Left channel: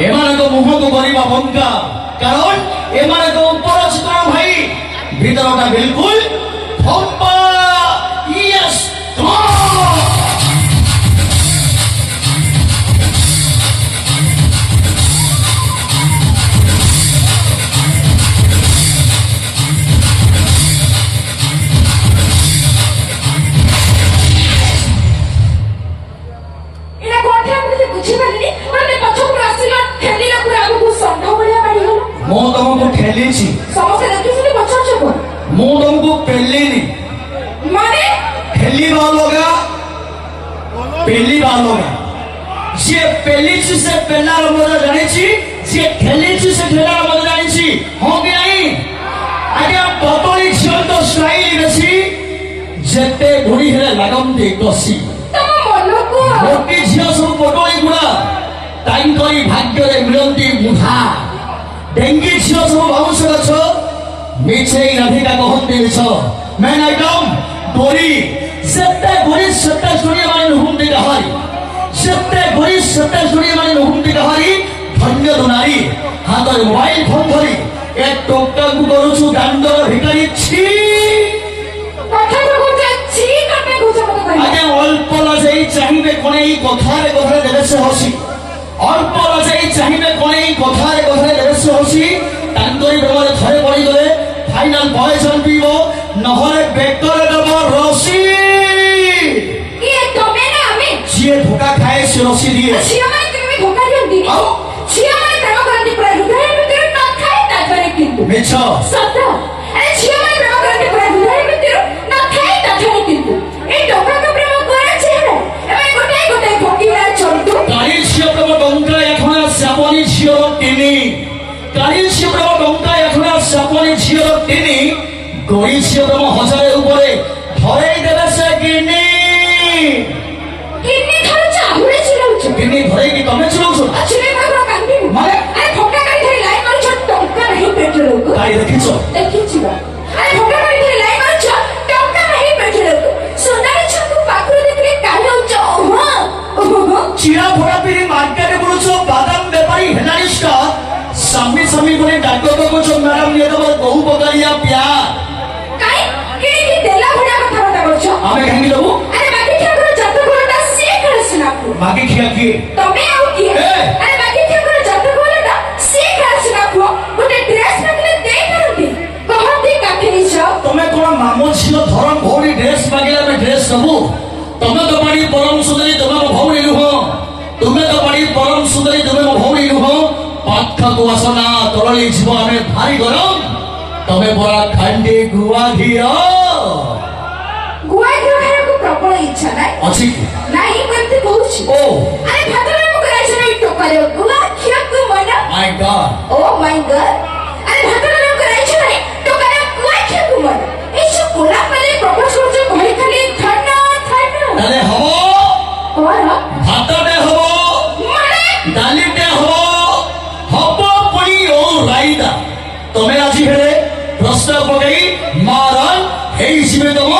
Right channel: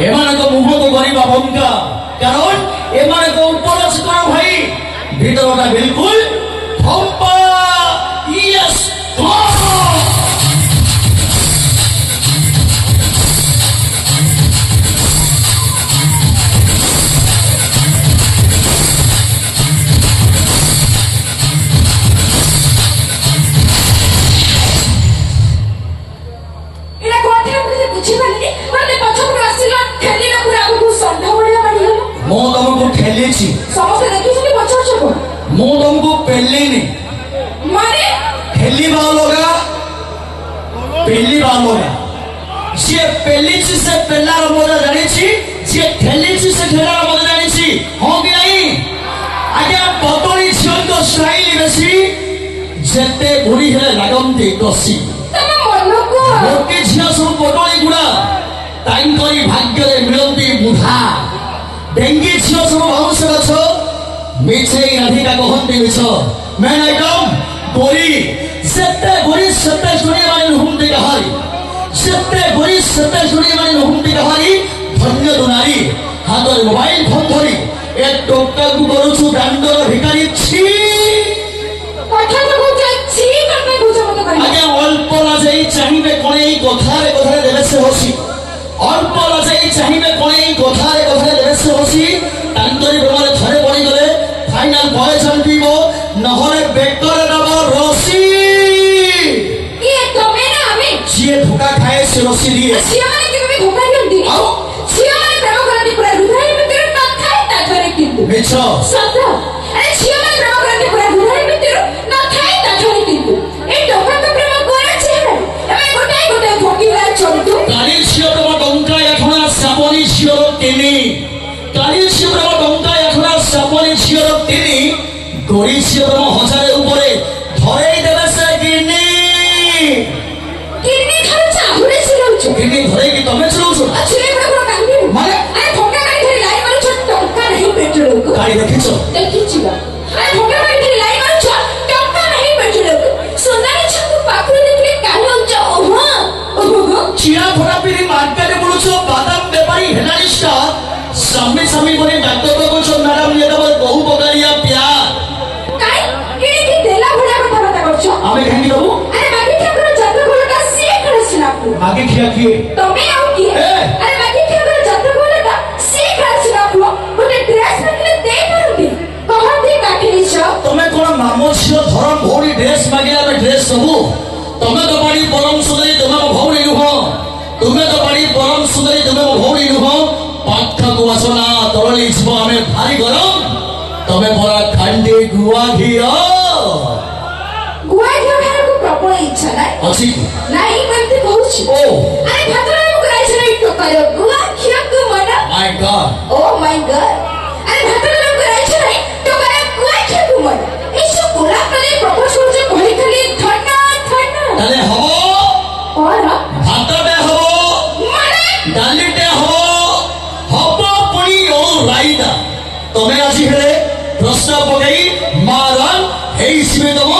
ଏମାନଙ୍କ ମୁହଁକୁ କରିବା ବଙ୍କା, କାରଣ ଏମାନଙ୍କ ଉପର କଣ ଭାଇ ଭିତରଟା ବିଲକୁଲ ଫମ୍ପା। ୟେସ୍ ମୁଁ ତମକୁ ଠେଲିଛି, ସମସ୍ତେ ଦେଖିଛନ୍ତି ପଚାରୁଛ କଣ? ମୁଁ ତମକୁ ପେଲିନି। ମାନେ ଠେଲିବା ଅଲଗା, ପେଲିବା ଅଲଗା। ଯିଏ ପେଲିଛି ସେ ପେଲାର ମଜା ଜାଣିଛି, ଯିଏ ଠେଲିଛି ସେ ଠେଲାର ମଜା ଜାଣିଛି। ହଁ କି ନାହିଁ? ଆଜ୍ଞା ପତଳି ଝିଅଙ୍କ ଷ୍ଟାଇଲ ବେଶୀ, ଯେତେ ବୁଢୀ ହେଲେ ଲାଗନ୍ତି କଷି। ତମ ମନକୁ ମୋଟି ଝିଅ ସବୁ ପତଳି ଗୁଡା, ତାଙ୍କରି ଭାଗ୍ୟରେ ମିଳନ୍ତି ବୁଢା। ଡେଙ୍ଗି ଝିଅ ସବୁ ବାଉଁଶ ଗଛ, ମିଛେଇ ରାଧିକା କହନ୍ତି ମିଛ। ମେନ୍ ଆଇଟମ୍ ଗୋରି, ସେତେ ଗୋରି ସେତେ ଶୁଣିବା ମାନେ ନୁହନ୍ତି କାହାରି, ସେତେ ଗୋରି ସେତେ ଶୁଣିବା ମାନେ ନୁହନ୍ତି କାହାରି। ଧନ୍ୟ ତୁ ନାରୀ, ହାତରେ ମୋବାଇଲ ଫୋନ ଧରି ଏ ଟୋକାକୁ କରୁଛୁ ଦାଣ୍ଡର ଭିକାରୀ। ଛି ଆଜ୍ଞା ଅଳ୍ପ ଲଜେଇ ଚାହିଁବେ କଣ ଏଇ କଥାରେ କଥାରେ ଦେବେ ସେ ହସି, ଅଳ୍ପ ଲଜେଇ ଚାହିଁବେ କଣ ଏଇ କଥାରେ କଥାରେ ଦେବେ ସେ ହସି। ତାଙ୍କରି ପ୍ରେମରେ ଥରେ ପଡ଼ିଗଲେ ଫାଇନାଲ ପଏସନ ପିଇବ, ନହେଲେ ବେକରେ ଦବ ରସି। ଯିଏ ଧୋକା ଖାଏ ସେ ରସି ଦିଏ। ଆଉ ମିଛ କାଳି ଝିଅ ତମ ଡଙ୍କା ଏଠଣା ସାବନି ଝିଅର ତିନି, କାଳି ଝିଅ ତମ ଡଙ୍କା ଏଠଣା ସାବନି ଝିଅର ତିନି। ଗରି ଝିଅ ତମ ହଜାରେ ଉପରେ ଧରେଇ ଦେବେ ସେ ଗିନି। ଗିନି ଧରେଇକି ତମେ ଚଳଉଛ ମାନେ କାଳି ଦେଖିଛ? চিরা ফোড়া পিড়ি মার্কেটে বলছ বাদাম বেপারি হেলানি স্টার, সামনে সামনে করে ডাক্তার তো বলছো ম্যাডাম নিয়ে দেবো বহু বগারিয়া প্যার। আমি ভাঙি দেবো বাকি খেয়া কি তুমি কোন মামো ঝিও ধরম ভৌরি ড্রেস মাগিলে আমি ড্রেস দেবো। তুমি তো পারি পরম সুন্দরী, তুমি ମୋ ଭଉଣୀ ନୁହଁ। ତୁମେ ତ ପାରି ପରମ ସୁନ୍ଦରୀ, ତୁମେ ମୋ ଭଉଣୀ ନୁହଁ। ପାଖକୁ ଆସ ନା ତରଳି ଯିବ ଆମେ ଭାରି ଗରମ, ତମେ ପରା ଖାଣ୍ଡି ଗୁଆ ଘିଅ। ପ୍ରବଳ ଇଚ୍ଛା ଅଛି ନାଇଁ ଏମିତି କହୁଛି। ଓ ଆରେ ଭାତରେ ମୁଁ ଖାଇଛି ନା ଟୋକାରେ ଗୁଆ ଖିଆକୁ ମନା। ମାଇ ଗଡ୍, ଓ ମାଇ ଗଡ୍। ଆରେ ଭାତରେ ମୁଁ ଖାଇଛି ନା ଟୋକାରେ ଗୁଆ ଖିଆକୁ ମନା। এই সব গোলাপ মানে প্রপোজ করছে ঘরে খালি ঠান্ডা ঠান্ডা। তাহলে হবো ভাততে হবো মানে ডালিতে হবো পুরি ও রাইতা। তুমি আজি হেলে প্রশ্ন পকাই মারন এই শিবে দম